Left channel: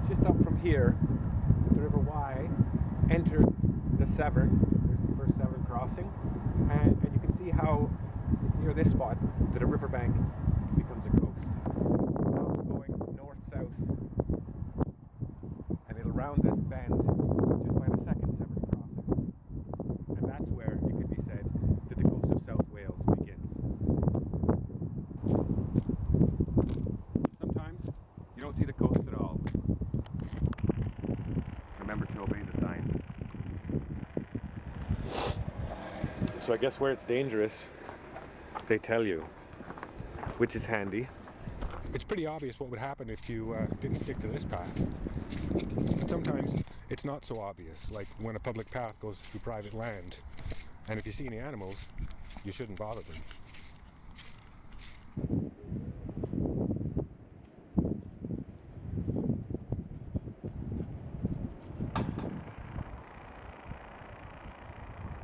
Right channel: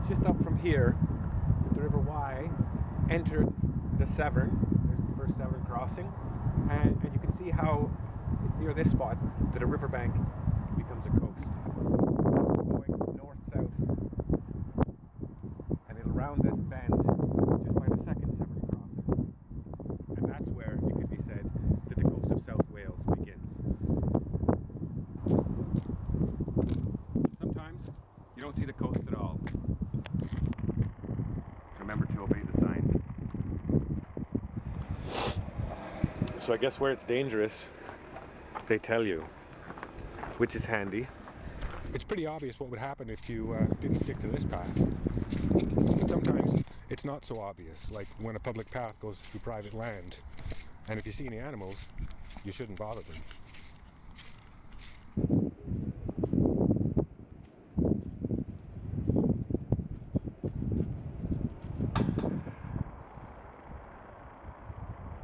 it's just up from here that the River Wye entered the Severn. There's the first Severn crossing, and you can see how it's near this spot that a riverbank becomes a coast. It stops going north-south, and it'll round this bend just by the second Severn crossing. And that's where it could be said that the coast of South Wales begins. Sometimes you don't see the coast at all. Remember to obey the signs. So I guess where it's dangerous, they tell you, which is handy. It's pretty obvious what would happen if you didn't stick to this path. But sometimes it's not so obvious, like when a public path goes through private land. And if you see any animals, you shouldn't bother them.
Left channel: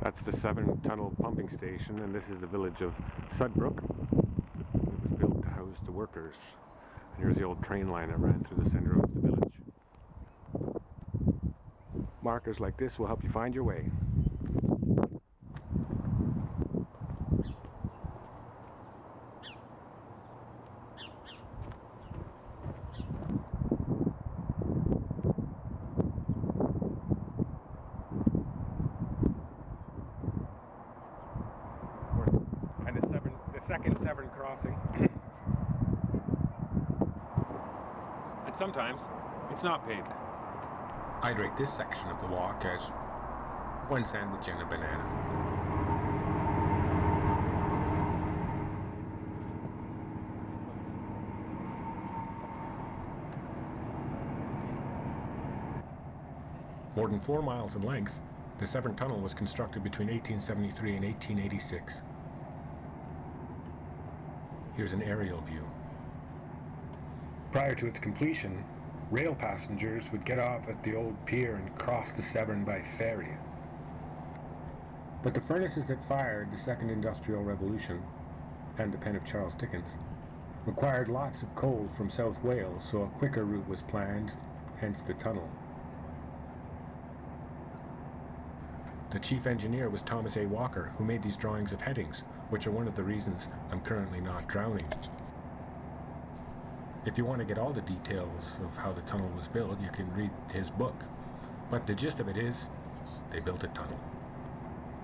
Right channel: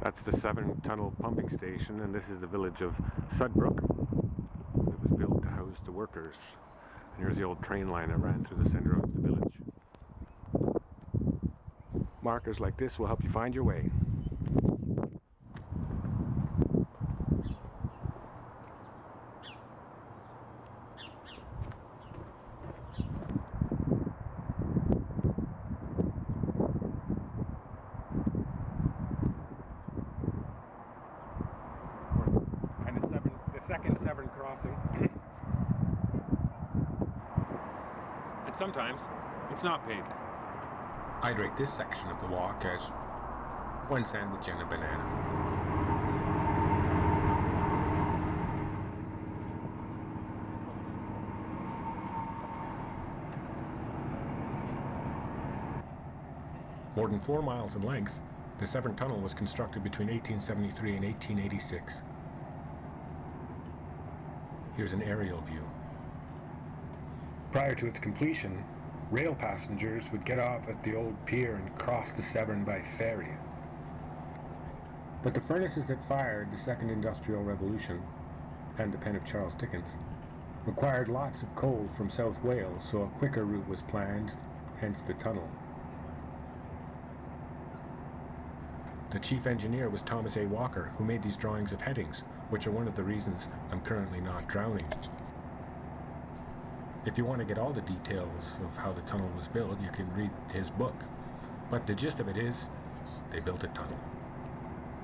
That's the Severn Tunnel pumping station, and this is the village of Sudbrook. It was built to house the workers. And here's the old train line that ran through the centre of the village. Markers like this will help you find your way. And the second Severn crossing. And sometimes it's not paved. I'd rate this section of the walk as one sandwich and a banana. More than 4 miles in length, the Severn Tunnel was constructed between 1873 and 1886. Here's an aerial view. Prior to its completion, rail passengers would get off at the old pier and cross the Severn by ferry. But the furnaces that fired the Second Industrial Revolution, and the pen of Charles Dickens, required lots of coal from South Wales, so a quicker route was planned, hence the tunnel. The chief engineer was Thomas A. Walker, who made these drawings of headings, which are one of the reasons I'm currently not drowning. If you want to get all the details of how the tunnel was built, you can read his book. But the gist of it is, they built a tunnel.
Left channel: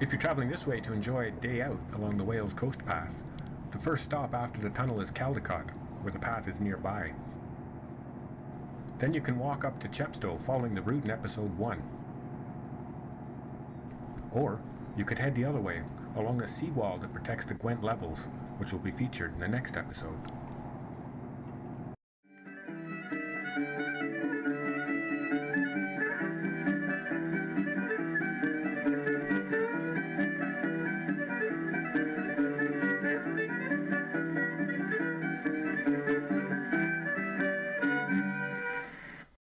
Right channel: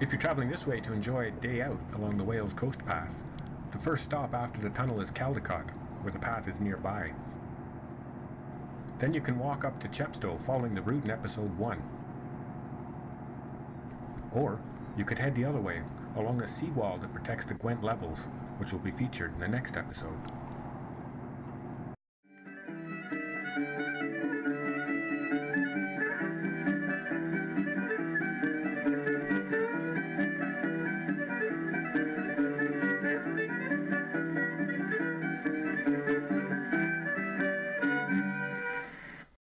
If you're travelling this way to enjoy a day out along the Wales Coast Path, the first stop after the tunnel is Caldicot, where the path is nearby. Then you can walk up to Chepstow following the route in episode 1. Or you could head the other way, along a seawall that protects the Gwent levels, which will be featured in the next episode.